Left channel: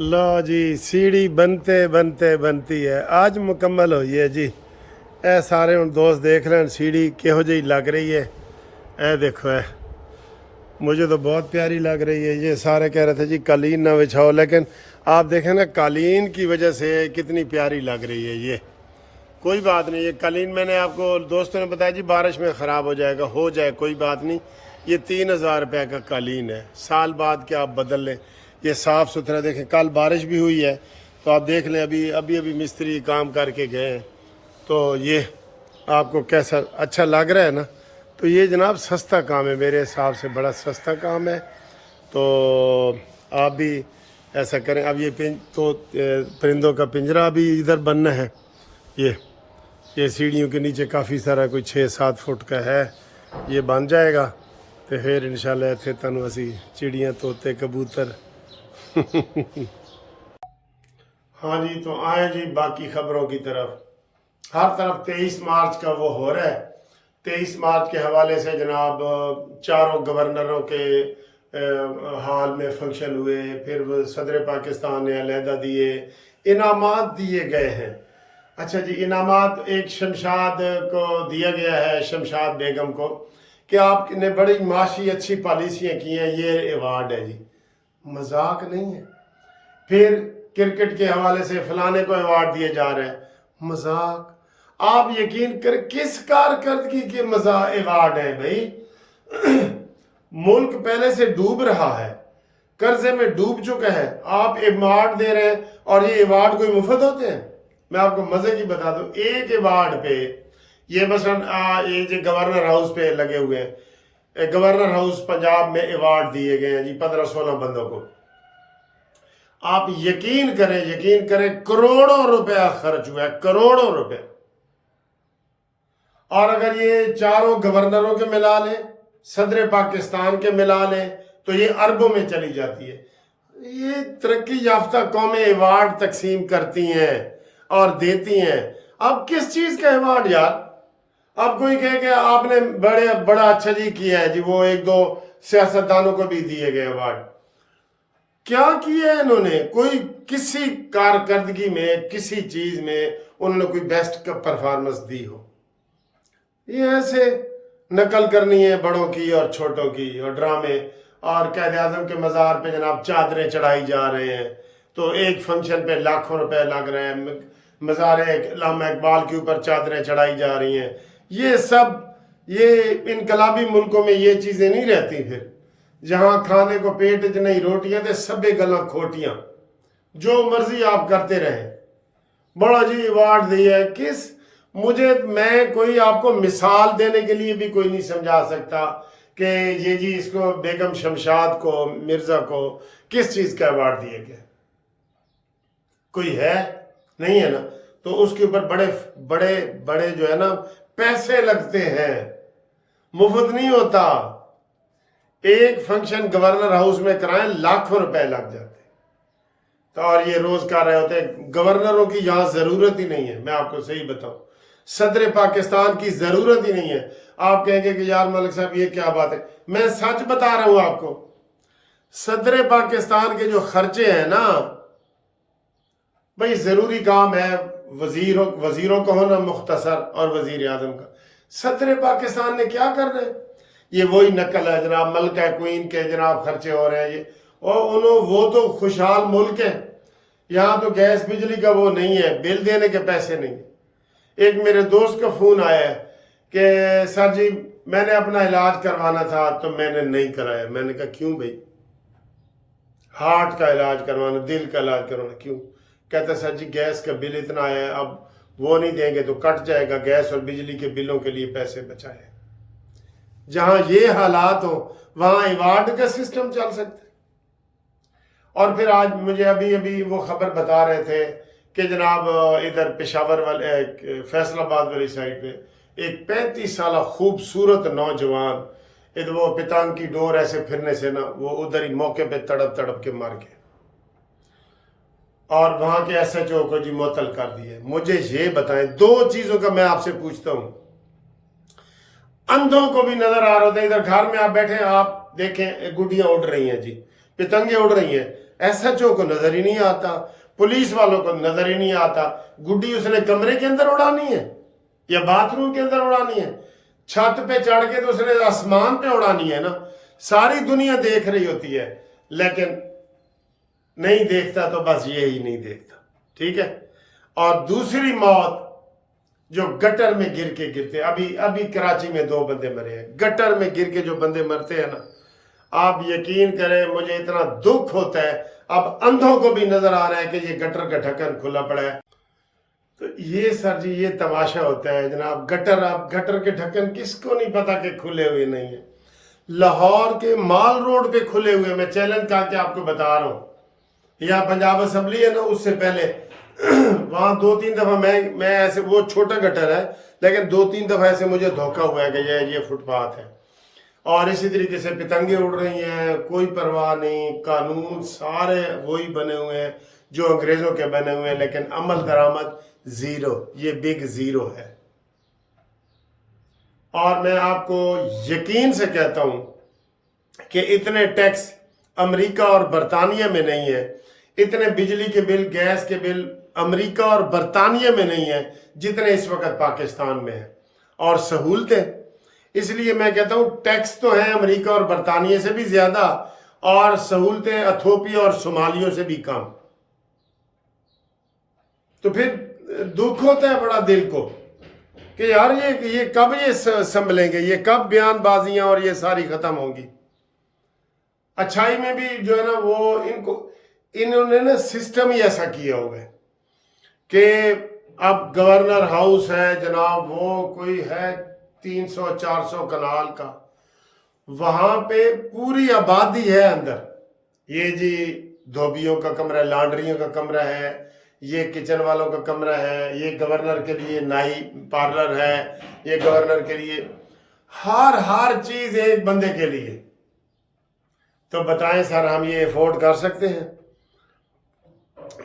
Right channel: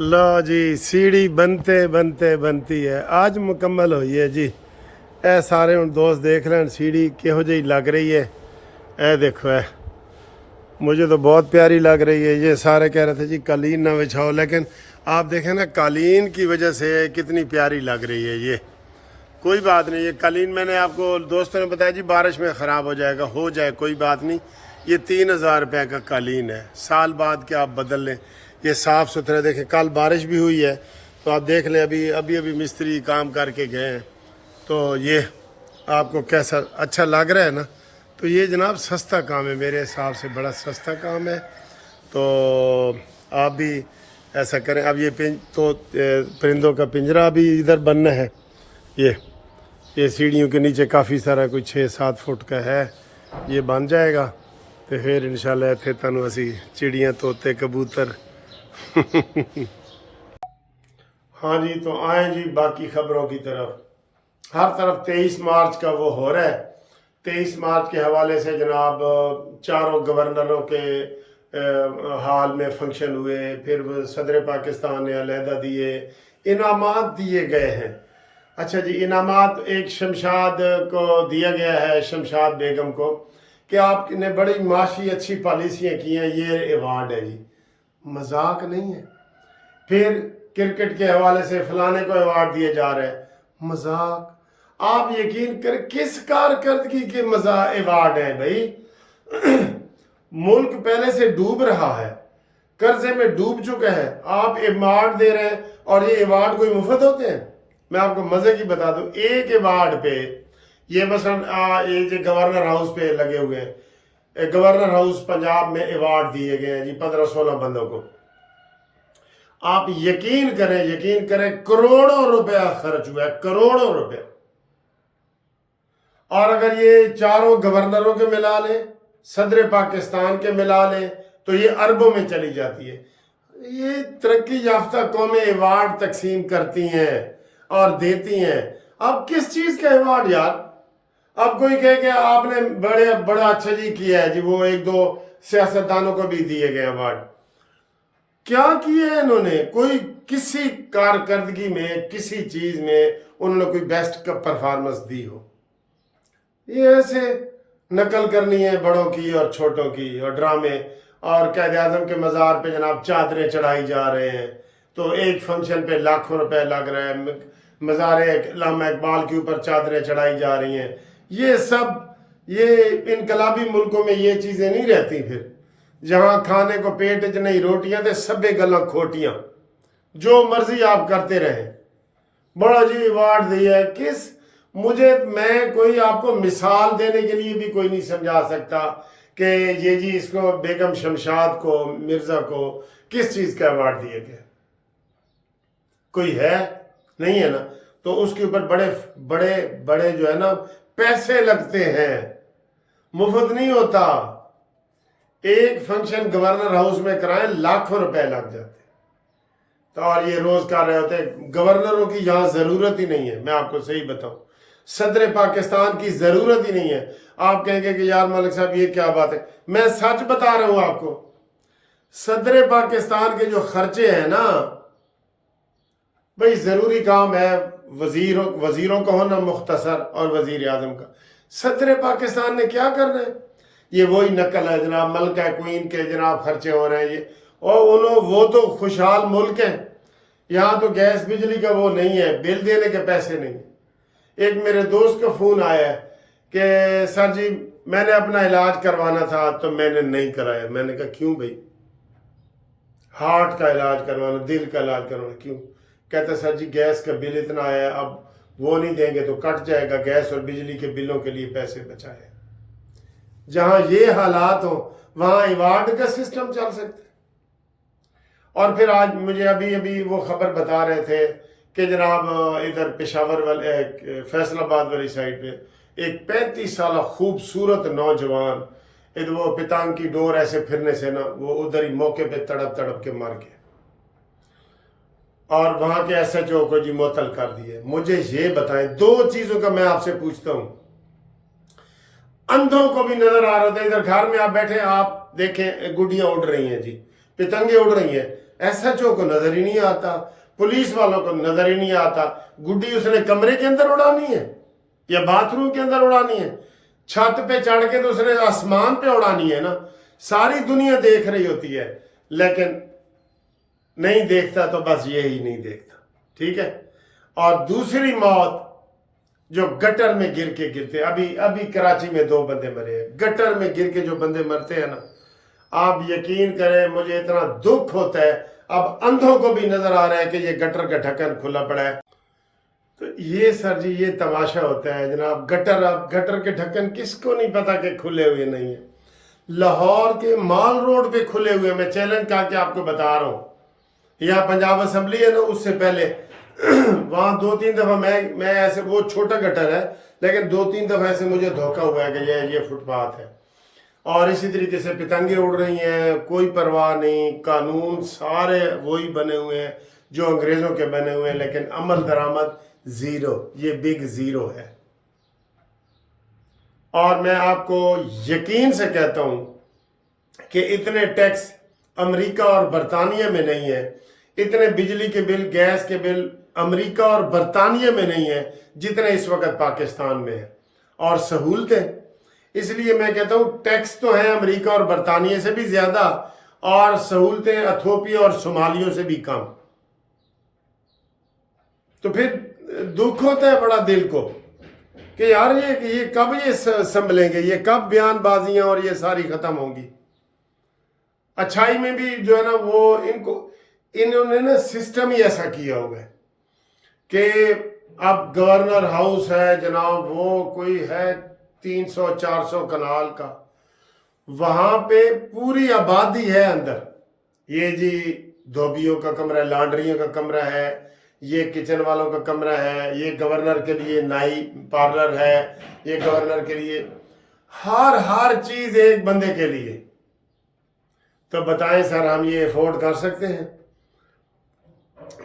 लो जी सीढ़ी बनते बनते बनती है आज मुकम्मल हुई है जी। ए सारे हूँ दोस्त देख रहे हैं सीढ़ी किहो जी लग रही है। ए देखो है मुझे तो बहुत प्यारी लग रही है। ये सारे कह रहे थे जी कालीन ना बिछाओ, लेकिन आप देखें ना कालीन की वजह से कितनी प्यारी लग रही है। ये कोई बात नहीं, ये कालीन मैंने आपको दोस्तों ने बताया जी बारिश में ख़राब हो जाएगा, हो जाए कोई बात नहीं। ये 3,000 रुपये का कालीन है, साल बाद के आप बदल लें। ये साफ़ सुथरा देखें, कल बारिश भी हुई है तो आप देख लें, अभी अभी अभी मिस्त्री काम करके गए हैं। तो ये आपको कैसा अच्छा लग रहा है ना। तो ये जनाब सस्ता काम है, मेरे हिसाब से बड़ा सस्ता काम है। तो आप भी ऐसा करें। अब ये परिंदों का पिंजरा भी इधर बनना है। ये सीढ़ियों के नीचे काफ़ी सारा कोई 6-7 फुट का है, ये बन जाएगा तो फिर इंशाल्लाह इत्थे तुहानूं असी चिड़ियाँ तोते कबूतर हाँ जी, तो आए जी बाकी खबरों की तरफ। हर तरफ 23 मार्च का वो हो रहा है। 23 मार्च के हवाले से जनाब चारों गवर्नरों के हाल में फंक्शन हुए, फिर सदर पाकिस्तान ने अलहदा दिए, इनामात दिए गए हैं। अच्छा जी, इनामात एक शमशाद को दिया गया है, शमशाद बेगम को, कि आपने बड़ी माशी अच्छी पॉलिसियाँ की हैं, ये अवार्ड है जी। मजाक नहीं है। फिर क्रिकेट के हवाले से फलाने को अवार्ड दिए जा रहे हैं, मजाक। आप यकीन करें किस कारकर्दगी के मजा अवार्ड हैं भाई। मुल्क पहले से डूब रहा है, कर्जे में डूब चुका है, आप अवार्ड दे रहे हैं। और ये अवार्ड कोई मुफ्त होते हैं? मैं आपको मजे की बता दूं, एक अवार्ड पे ये मसलन ये जो गवर्नर हाउस पे लगे हुए हैं, गवर्नर हाउस पंजाब में अवार्ड दिए गए हैं जी 15-16 बंदों को। आप यकीन करें करोड़ों रुपया खर्च हुआ है, करोड़ों रुपया। और अगर ये चारों गवर्नरों के मिला लें, सदर पाकिस्तान के मिला लें, तो ये अरबों में चली जाती है। ये तरक्की याफ्ता कौमें अवार्ड तकसीम करती हैं और देती हैं। अब किस चीज का अवार्ड यार? अब कोई कहे कि आपने बड़ा अच्छा जी किया है जी, वो 1-2 सियासतदानों को भी दिए गए अवार्ड। क्या किया है इन्होंने? कोई किसी कारकर्दगी में, किसी चीज में उन्होंने कोई बेस्ट का परफॉर्मेंस दी हो? ये ऐसे नकल करनी है बड़ों की और छोटों की, और ड्रामे। और कायद आजम के मज़ार पे जनाब चादरें चढ़ाई जा रहे हैं, तो एक फंक्शन पे लाखों रुपए लग रहे हैं। मज़ार अल्लामा इकबाल के ऊपर चादरें चढ़ाई जा रही हैं। ये सब ये इनकलाबी मुल्कों में ये चीज़ें नहीं रहती। फिर जहाँ खाने को पेट च नहीं रोटियां तो सभे गल्लां खोटियां, जो मर्जी आप करते रहे। बड़ा जी अवार्ड दिया है किस? मैं कोई आपको मिसाल देने के लिए भी कोई नहीं समझा सकता कि ये जी इसको बेगम शमशाद को, मिर्जा को किस चीज का अवार्ड दिया गया। कोई है? नहीं है ना। तो उसके ऊपर बड़े बड़े बड़े जो है ना पैसे लगते हैं, मुफ्त नहीं होता। एक फंक्शन गवर्नर हाउस में कराएं लाखों रुपए लग जाते। तो और ये रोज कर रहे होते हैं। गवर्नरों की यहां जरूरत ही नहीं है, मैं आपको सही बताऊं, सदर पाकिस्तान की जरूरत ही नहीं है। आप कहेंगे कि यार मलिक साहब ये क्या बात है, मैं सच बता रहा हूं आपको। सदर पाकिस्तान के जो खर्चे हैं ना भाई, जरूरी काम है वजीरों का होना मुख्तसर, और वजीर आजम का। सदर पाकिस्तान ने क्या करना है? ये वही नकल है जनाब, मलका क्वीन के जनाब खर्चे हो रहे हैं ये। और वो तो खुशहाल मुल्क है, यहाँ तो गैस बिजली का वो नहीं है, बिल देने के पैसे नहीं है। एक मेरे दोस्त का फोन आया है कि सर जी मैंने अपना इलाज करवाना था तो मैंने नहीं कराया। मैंने कहा क्यों भाई? हार्ट का इलाज करवाना, दिल का इलाज करवाना, क्यों? कहता सर जी गैस का बिल इतना आया है, अब वो नहीं देंगे तो कट जाएगा, गैस और बिजली के बिलों के लिए पैसे बचाए। जहां ये हालात हो वहां अवार्ड का सिस्टम चल सकता है। और फिर आज मुझे अभी वो खबर बता रहे थे कि जनाब इधर पेशावर वाले फैसलाबाद वाली साइड पे एक 35 साल खूबसूरत नौजवान, इधर वो पितांग की डोर ऐसे फिरने से ना वो उधर ही मौके पे तड़प तड़प के मर गए, और वहां के SHO को जी मुअत्तल कर दिए। मुझे ये बताएं, 2 चीजों का मैं आपसे पूछता हूं। अंधों को भी नजर आ रहा होता है, इधर घर में आप बैठे आप देखें गुड्डियां उड़ रही हैं जी, पतंगे उड़ रही हैं, SHO को नजर ही नहीं आता, पुलिस वालों को नजर ही नहीं आता। गुड्डी उसने कमरे के अंदर उड़ानी है या बाथरूम के अंदर उड़ानी है? छत पे चढ़ के तो उसने आसमान पे उड़ानी है ना। सारी दुनिया देख रही होती है, लेकिन नहीं देखता तो बस ये ही नहीं देखता। ठीक है। और दूसरी मौत जो गटर में गिर के गिरते, अभी कराची में 2 बंदे मरे हैं। गटर में गिर के जो बंदे मरते हैं ना, आप यकीन करें मुझे इतना दुख होता है। अब अंधों को भी नजर आ रहा है कि ये गटर का ढक्कन खुला पड़ा है। तो ये सर जी ये तमाशा होता है जनाब। गटर के ढक्कन किसको नहीं पता कि खुले हुए नहीं है। लाहौर के माल रोड पे खुले हुए, मैं चैलेंज करके आपको बता रहा हूँ। यहाँ पंजाब असेंबली है ना, उससे पहले वहां 2-3 दफा मैं ऐसे, वो छोटा गटर है लेकिन 2-3 दफा ऐसे मुझे धोखा हुआ है कि ये फुटपाथ है। और इसी तरीके से पतंगे उड़ रही हैं, कोई परवाह नहीं। कानून सारे वही बने हुए हैं जो अंग्रेजों के बने हुए हैं, लेकिन अमल दरामद जीरो। ये बिग जीरो है। और मैं आपको यकीन से कहता हूं कि इतने टैक्स अमेरिका और बरतानिया में नहीं है, इतने बिजली के बिल, गैस के बिल अमेरिका और बरतानिया में नहीं है जितने इस वक्त पाकिस्तान में है। और सहूलतें, इसलिए मैं कहता हूं टैक्स तो है अमेरिका और बरतानिया से भी ज्यादा, और सहूलतें इथियोपिया और सोमालियों से भी कम। तो फिर दुख होता है बड़ा दिल को कि यार ये कब ये संभलेंगे, ये कब बयानबाजियां और ये सारी खत्म होंगी। अच्छाई में भी जो है ना, वो इन्होंने ना सिस्टम ही ऐसा किया हुआ है कि अब गवर्नर हाउस है जनाब, वो कोई है 300-400 कनाल का, वहां पे पूरी आबादी है अंदर। ये जी धोबियों का कमरा है, लॉन्ड्रियों का कमरा है, ये किचन वालों का कमरा है, ये गवर्नर के लिए नाई पार्लर है, ये गवर्नर के लिए हर चीज एक बंदे के लिए। तो बताएं सर, हम ये अफोर्ड कर सकते हैं?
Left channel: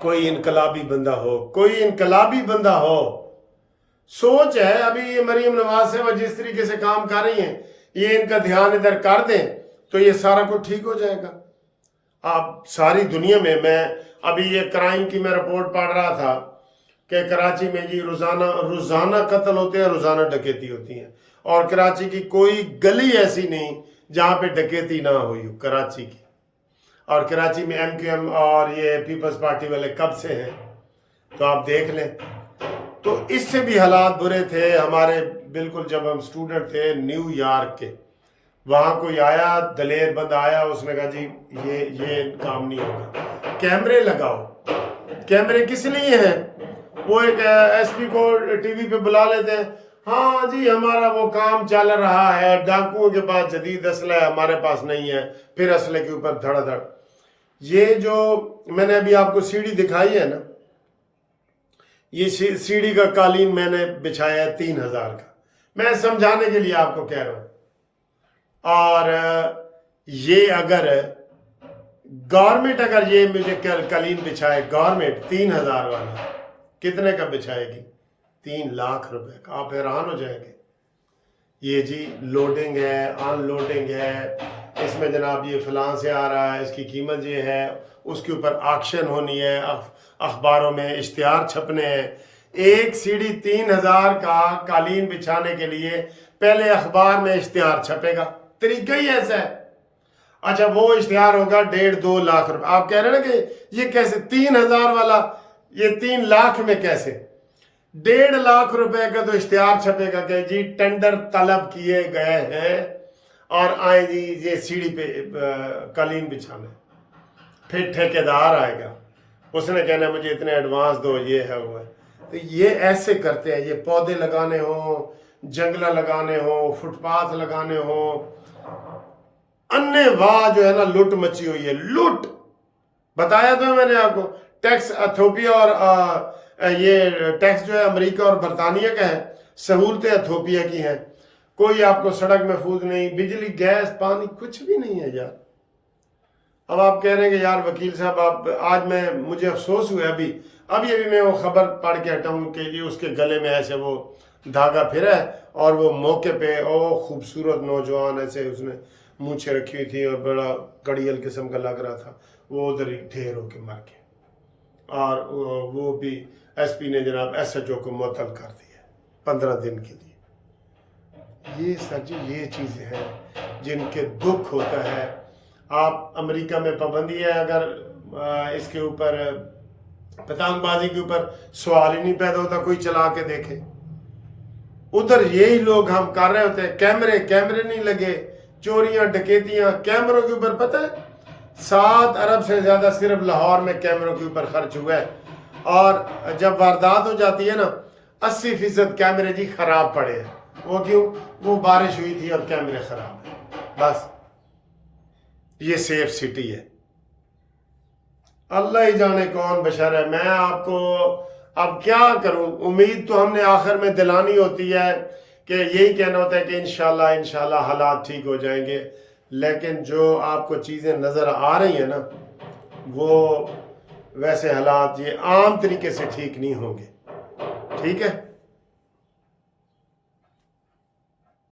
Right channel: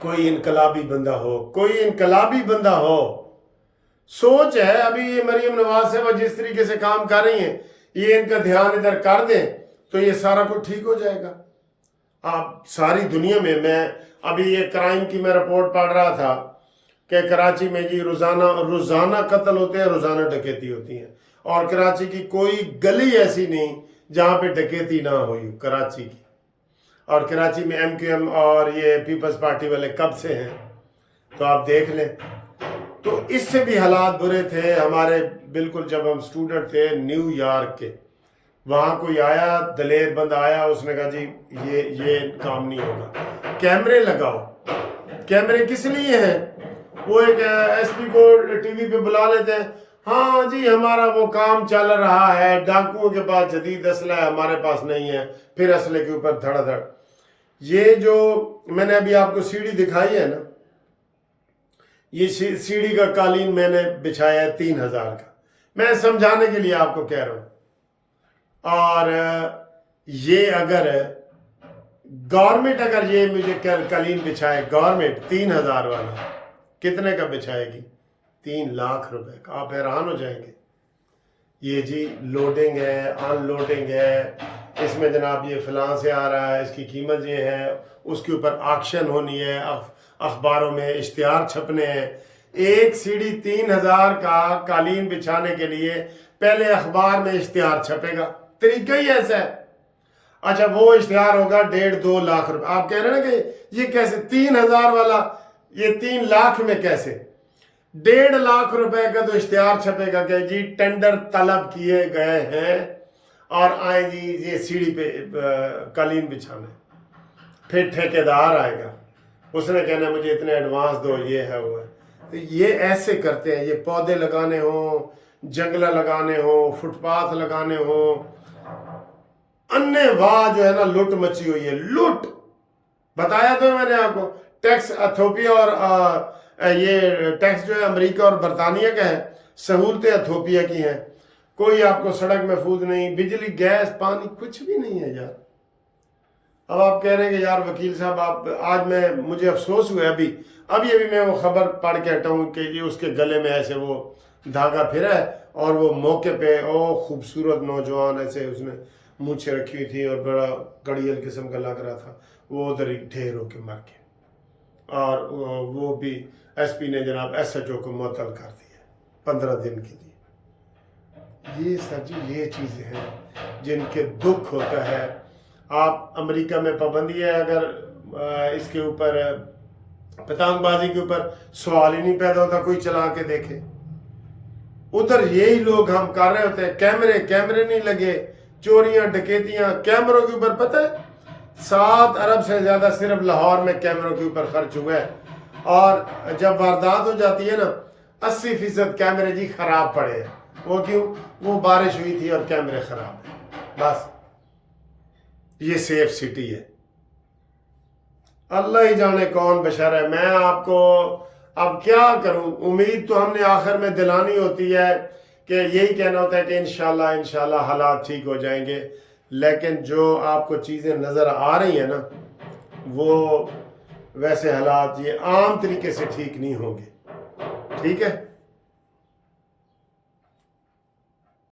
कोई इनकलाबी बंदा हो, सोच है। अभी ये मरीम नवाज साहब जिस तरीके से काम कर रही हैं, ये इनका ध्यान इधर कर दें तो ये सारा कुछ ठीक हो जाएगा। आप सारी दुनिया में, मैं अभी ये क्राइम की मैं रिपोर्ट पढ़ रहा था कि कराची में जी रोजाना कत्ल होते हैं, रोजाना डकैती होती है, और कराची की कोई गली ऐसी नहीं जहां पे डकैती ना हुई हो कराची की। और कराची में MQM और ये पीपल्स पार्टी वाले कब से हैं, तो आप देख लें। तो इससे भी हालात बुरे थे हमारे, बिल्कुल जब हम स्टूडेंट थे न्यूयॉर्क के, वहां कोई आया, दलेर बंदा आया, उसने कहा जी ये काम नहीं होगा, कैमरे लगाओ। कैमरे किस लिए हैं? वो एक SP को TV पे बुला लेते हैं, हाँ जी हमारा वो काम चल रहा है, डाकुओं के पास जदीद असला है, हमारे पास नहीं है, फिर असले के ऊपर धड़ाधड़। ये जो मैंने अभी आपको सीढ़ी दिखाई है ना, ये सीढ़ी का कालीन मैंने बिछाया है 3000 का, मैं समझाने के लिए आपको कह रहा हूं। और ये अगर गवर्नमेंट अगर ये मुझे कालीन बिछाए, गवर्नमेंट 3000 वाला, कितने का बिछाएगी? 3 लाख रुपए का। आप हैरान हो जाएंगे। ये जी लोडिंग है, अनलोडिंग है, इसमें जनाब ये फलां से आ रहा है, इसकी कीमत ये है, उसके ऊपर ऑक्शन होनी है, अखबारों में इश्तिहार छपने हैं। एक सीढ़ी 3000 का कालीन बिछाने के लिए पहले अखबार में इश्तिहार छपेगा, तरीका ही ऐसा है। अच्छा, वो इश्तिहार होगा 1.5-2 लाख रुपए। आप कह रहे हैं ना कि ये कैसे 3000 वाला ये 3 लाख में कैसे? 1.5 लाख रुपए का तो इश्तिहार छपेगा कि जी टेंडर तलब किए गए हैं और आए जी ये सीढ़ी पे कालीन बिछाने। फिर ठेकेदार आएगा, उसने कहना मुझे इतने एडवांस दो, ये है वो है। तो ये ऐसे करते हैं। ये पौधे लगाने हो, जंगला लगाने हो, फुटपाथ लगाने हो, अन्य वाह जो है ना लूट मची हुई है। लूट बताया था मैंने आपको। टैक्स इथियोपिया और ये टैक्स जो है अमेरिका और बरतानिया का है, सहूलतें इथियोपिया की हैं। कोई आपको सड़क महफूज नहीं, बिजली गैस पानी कुछ भी नहीं है यार। अब आप कह रहे हैं कि यार वकील साहब आप, आज मुझे अफसोस हुआ अभी मैं वो खबर पढ़ के हटा हूँ कि ये उसके गले में ऐसे वो धागा फिरा है और वो मौके पे ओ खूबसूरत नौजवान ऐसे उसने मूछें रखी हुई थी और बड़ा कड़ियल किस्म का लग रहा था, وہ ادھر ہی ڈھیر ہو کے مر گئے، اور وہ بھی ایس پی نے جناب ایس ایچ او کو معطل کر دیا 15 دن کے لیے۔ یہ سچ یہ چیزیں ہیں جن کے دکھ ہوتا ہے۔ آپ امریکہ میں پابندی ہے، اگر اس کے اوپر پتنگ بازی کے اوپر سوال ہی نہیں پیدا ہوتا، کوئی چلا کے دیکھے۔ ادھر یہی لوگ ہم کر رہے ہوتے ہیں، کیمرے نہیں لگے، چوریاں ڈکیتیاں کیمروں کے اوپر۔ پتہ ہے 7 ارب سے زیادہ صرف لاہور میں کیمروں کے اوپر خرچ ہوا ہے، اور جب واردات ہو جاتی ہے نا 80% کیمرے جی خراب پڑے ہیں۔ وہ کیوں؟ وہ بارش ہوئی تھی اور کیمرے خراب ہیں، بس۔ یہ سیف سٹی ہے، اللہ ہی جانے کون بشر ہے۔ میں آپ کو اب کیا کروں، امید تو ہم نے آخر میں دلانی ہوتی ہے کہ یہی کہنا ہوتا ہے کہ انشاءاللہ حالات ٹھیک ہو جائیں گے، لیکن جو آپ کو چیزیں نظر آ رہی ہیں نا، وہ ویسے حالات یہ عام طریقے سے ٹھیک نہیں ہوں گے۔ ٹھیک ہے؟